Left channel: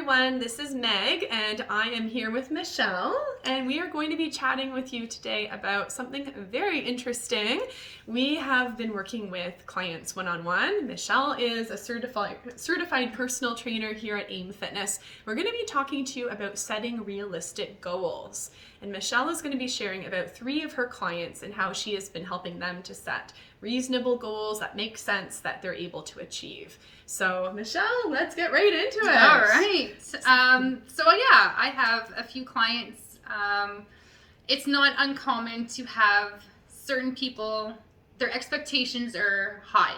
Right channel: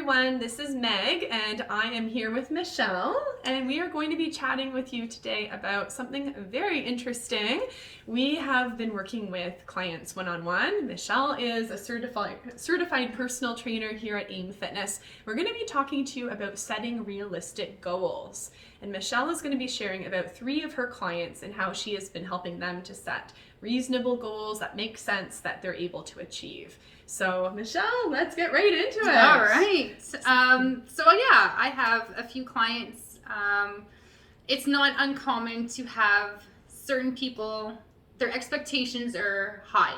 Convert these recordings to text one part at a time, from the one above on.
everyone, this is Meg and I am here with Michelle, and we are going to be chatting with you today about something very interesting. We have been working with clients one-on-one. Michelle is a certified personal trainer here at AIM Fitness. We're going to be talking to you about setting realistic goals, and Michelle is going to be sharing about 3 of her clients and how she has been helping them to set reasonable goals that make sense that they're able to achieve. So Michelle, let's get right into it. All right. I have a few clients. It's not uncommon to have certain people, their expectations are high.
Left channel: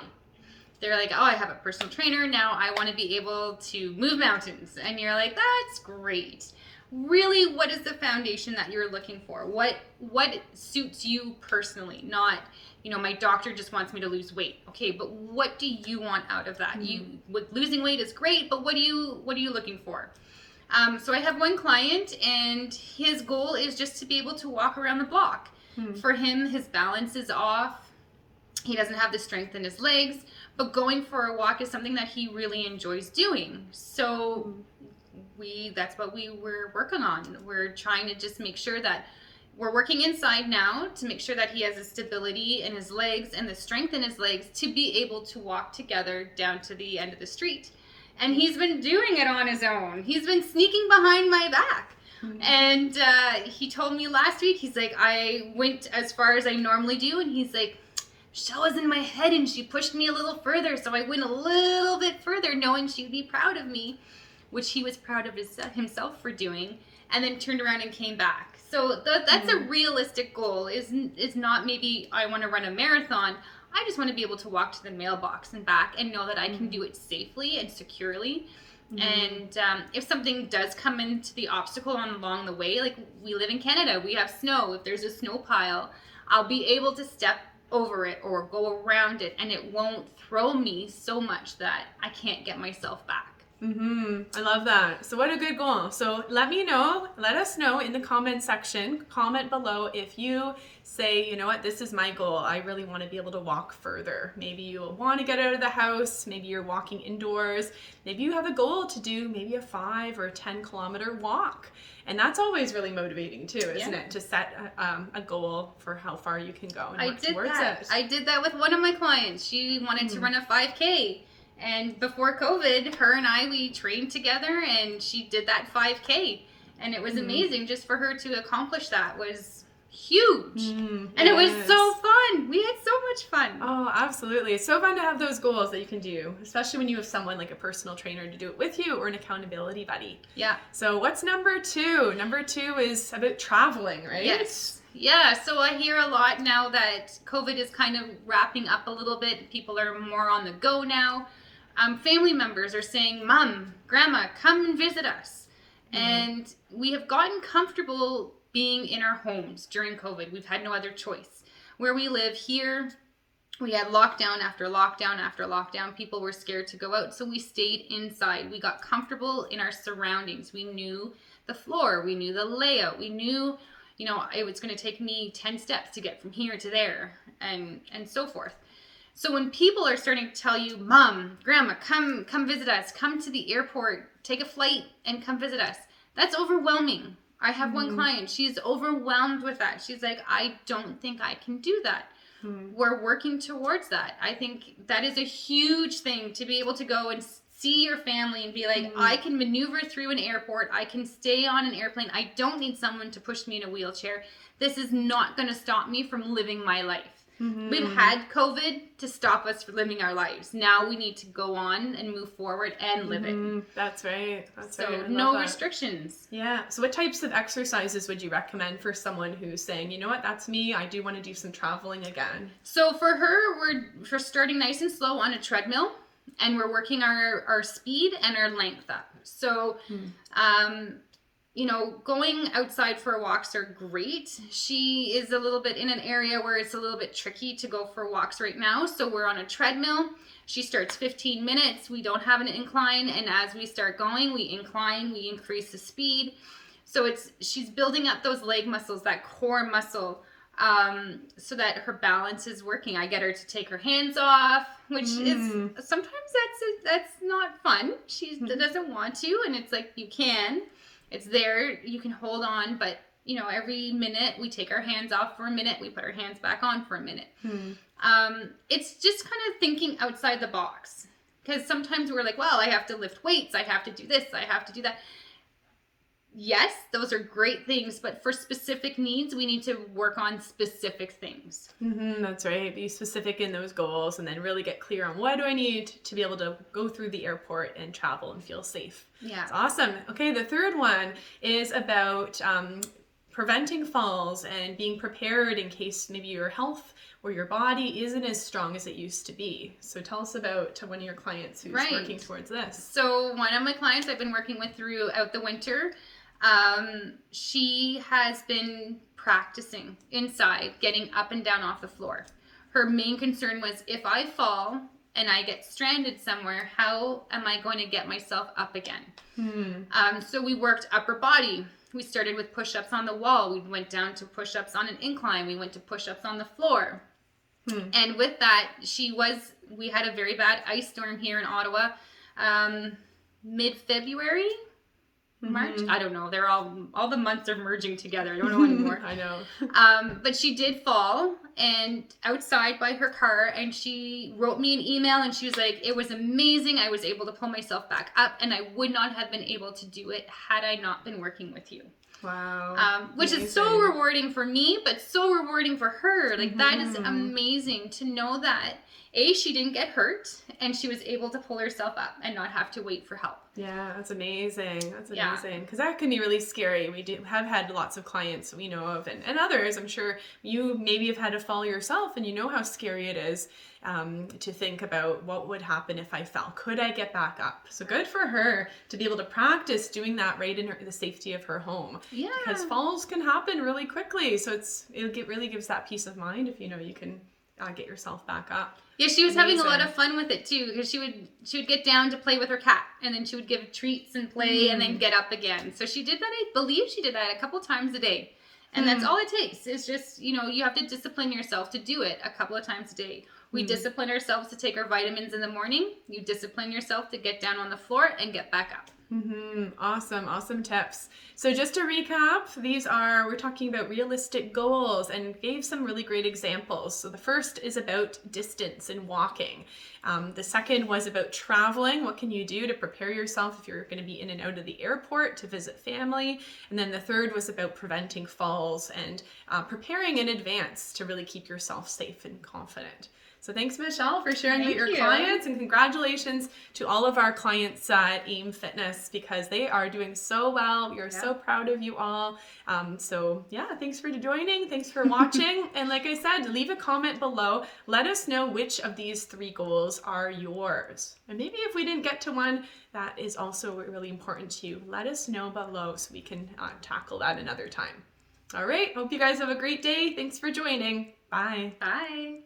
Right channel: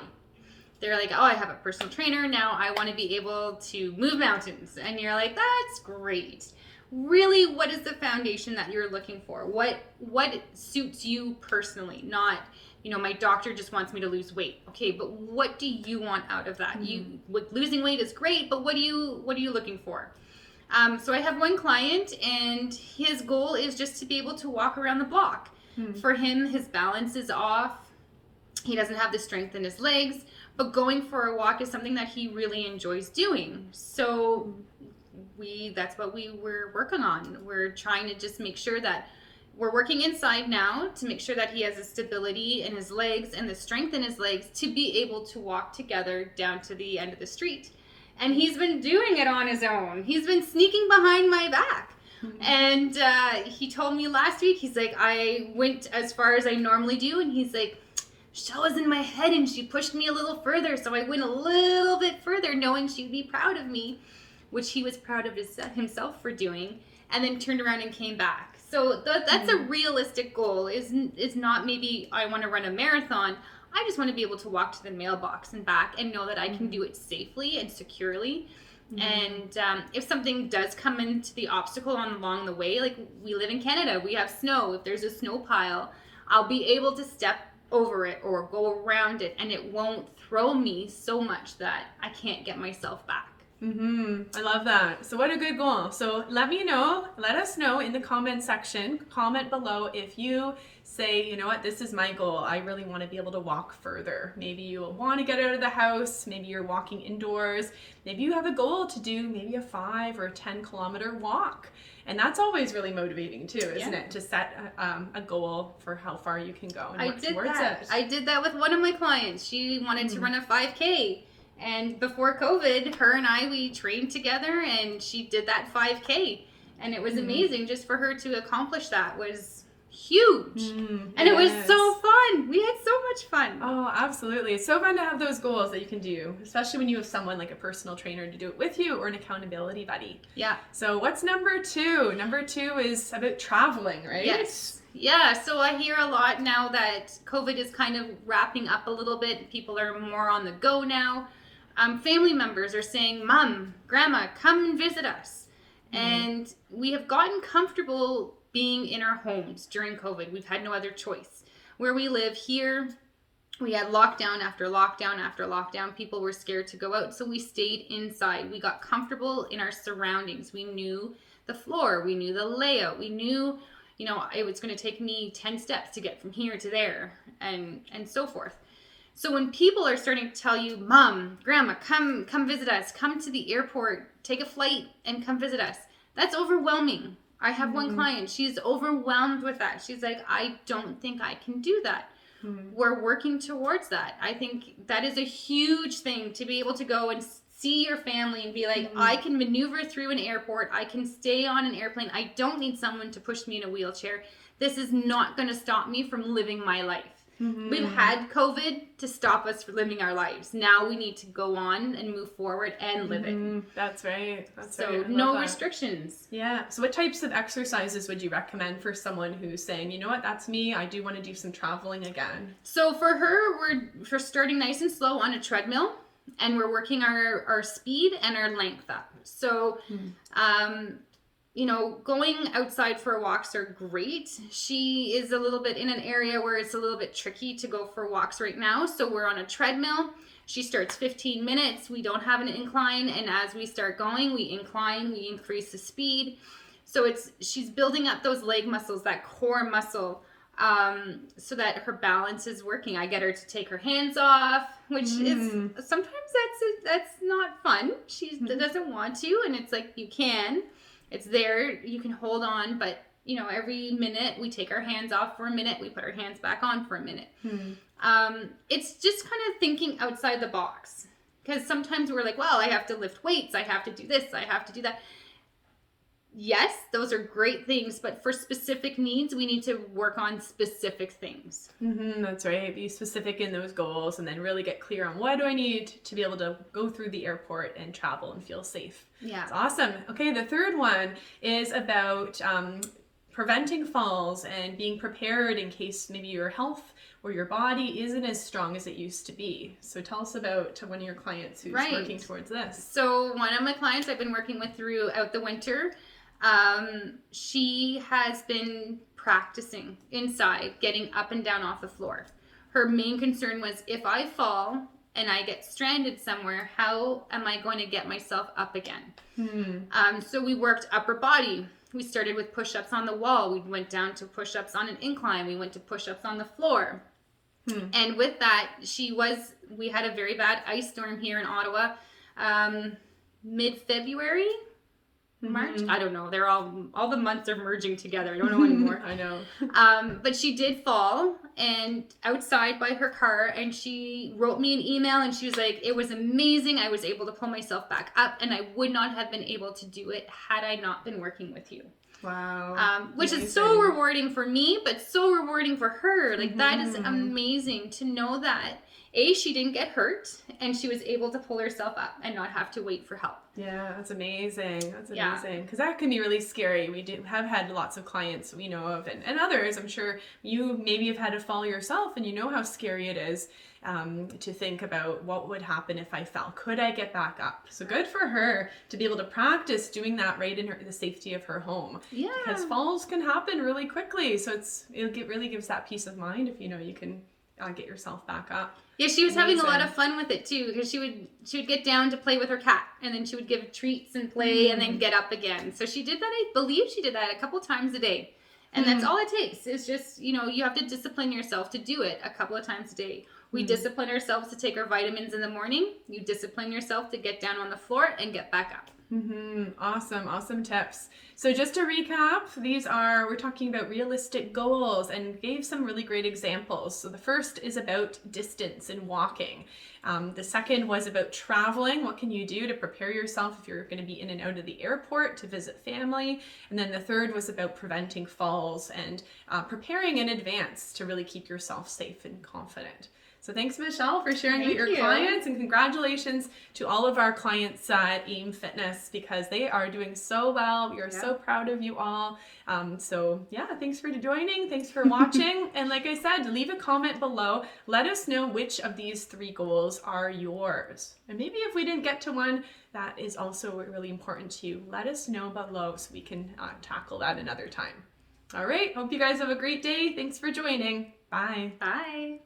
They're like, oh, I have a personal trainer. Now I want to be able to move mountains. And you're like, that's great. Really, what is the foundation that you're looking for? What suits you personally? Not, my doctor just wants me to lose weight. Okay, but what do you want out of that? Losing weight is great, but what are you looking for? So I have one client, and his goal is just to be able to walk around the block. For him, his balance is off. He doesn't have the strength in his legs, but going for a walk is something that he really enjoys doing. So that's what we were working on. We're trying to just make sure that we're working inside now to make sure that he has the stability in his legs and the strength in his legs to be able to walk together down to the end of the street. And he's been doing it on his own. He's been sneaking behind my back. And he told me last week, he's like, I went as far as I normally do. And he's like, Michelle was in my head and she pushed me a little further. So I went a little bit further knowing she'd be proud of me, which he was proud of himself for doing, and then turned around and came back. So that's a realistic goal. Is not maybe I want to run a marathon. I just want to be able to walk to the mailbox and back and know that I can do it safely and securely. And if something does come into the obstacle along the way, like we live in Canada, we have snow. If there's a snow pile, I'll be able to step over it or go around it, and it won't throw me so much that I can't get myself back. I love that. So what a good goal. So let us know in the comment section, comment below if you say, you know what, this is my goal. I really want to be able to walk further. Maybe you want to get out of the house. Maybe you're walking indoors. Maybe you have a goal to do maybe a 5 or 10 kilometer walk. And that's always really motivating too, isn't it? To set a goal for how far you can go and work towards it. I did that with one of my clients. She wanted to run a 5K. And before COVID, her and we trained together, and she did that 5K. And it was amazing. Just for her to accomplish that was huge. And it was so fun. We had so much fun. Oh, absolutely. It's so fun to have those goals that you can do, especially when you have someone like a personal trainer to do it with you or an accountability buddy. Yeah. So what's number 2? Number 2 is about traveling, right? Yes. Yeah, so I hear a lot now that COVID is kind of wrapping up a little bit. People are more on the go now. Family members are saying, Mom, Grandma, come and visit us. And we have gotten comfortable being in our homes during COVID. We've had no other choice. Where we live here, we had lockdown after lockdown after lockdown. People were scared to go out, so we stayed inside. We got comfortable in our surroundings. We knew the floor. We knew the layout. We knew, it was going to take me 10 steps to get from here to there, and so forth. So when people are starting to tell you, Mom, Grandma, come visit us, come to the airport, take a flight and come visit us, that's overwhelming. I have one client, she's overwhelmed with that. She's like, I don't think I can do that. We're working towards that. I think that is a huge thing, to be able to go and see your family and be like, I can maneuver through an airport. I can stay on an airplane. I don't need someone to push me in a wheelchair. This is not going to stop me from living my life. We've had COVID to stop us from living our lives. Now we need to go on and move forward and live it. That's right. So no restrictions. Yeah. So what types of exercises would you recommend for someone who's saying, you know what, that's me. I do want to do some traveling again. So for her, we're starting nice and slow on a treadmill, and we're working our speed and our length up. So, going outside for walks are great. She is a little bit in an area where it's a little bit tricky to go for walks right now. So we're on a treadmill. She starts 15 minutes. We don't have an incline. And as we start going, we incline, we increase the speed. So she's building up those leg muscles, that core muscle so that her balance is working. I get her to take her hands off, which is sometimes that's not fun. She doesn't want to, and it's like, you can. It's there. You can hold on, but you know, every minute we take our hands off for a minute, we put our hands back on for a minute. It's just kind of thinking outside the box, because sometimes we're like, well, I have to lift weights, I have to do this, I have to do that. Yes, those are great things, but for specific needs, we need to work on specific things. That's right. Be specific in those goals, and then really get clear on what do I need to be able to go through the airport and travel and feel safe. Yeah. That's awesome. Okay, the third one is about preventing falls and being prepared in case maybe your health or your body isn't as strong as it used to be. So tell us about one of your clients who's working towards this. So one of my clients I've been working with throughout the winter, she has been practicing inside, getting up and down off the floor. Her main concern was, if I fall and I get stranded somewhere, how am I going to get myself up again? So we worked upper body. We started with push-ups on the wall. We went down to push-ups on an incline. We went to push-ups on the floor. And with that, we had a very bad ice storm here in Ottawa, mid-February, March. I don't know. They're all the months are merging together. I don't know anymore. I know. But she did fall and outside by her car, and she wrote me an email, and she was like, it was amazing. I was able to pull myself back up, and I would not have been able to do it had I not been working with you. Wow. Which is so rewarding for me, but so rewarding for her. Like, that is amazing to know that she didn't get hurt, and she was able to pull herself up and not have to wait for help. Yeah, that's amazing. That's amazing. Because that can be really scary. We have had lots of clients we know of, and others. I'm sure you maybe have had to fall yourself, and you know how scary it is to think about what would happen if I fell. Could I get back up? So good for her to be able to practice doing that right in the safety of her home. Yeah. Because falls can happen really quickly. So it really gives that peace of mind if you know you can get yourself back up. Yeah, she was having a lot of fun with it too, because she would get down to play with her cat, and then she would give treats and play, and then get up again. So she did that. I believe she did that a couple times a day, and that's all it takes. It's just, you know, you have to discipline yourself to do it a couple of times a day. We discipline ourselves to take our vitamins in the morning. You discipline yourself to get down on the floor and get back up. Awesome tips. So just to recap, we're talking about realistic goals, and gave some really great examples. So the first is about distance and walking. The second was about traveling. What can you do to prepare yourself if you're going to be in and out of the airport to visit family? And then the third was about preventing falls and preparing in advance to really keep yourself safe and confident. So thanks, Michelle, for sharing with your clients, and congratulations to all of our clients at AIM Fitness, because they are doing so well. We are so proud of you all. Thanks for joining. Thanks for watching. And like I said, leave a comment below. Let us know which of these 3 goals are yours. And maybe if we didn't get to one that is also really important to you, let us know below so we can tackle that another time. All right. Hope you guys have a great day. Thanks for joining. Bye. Bye.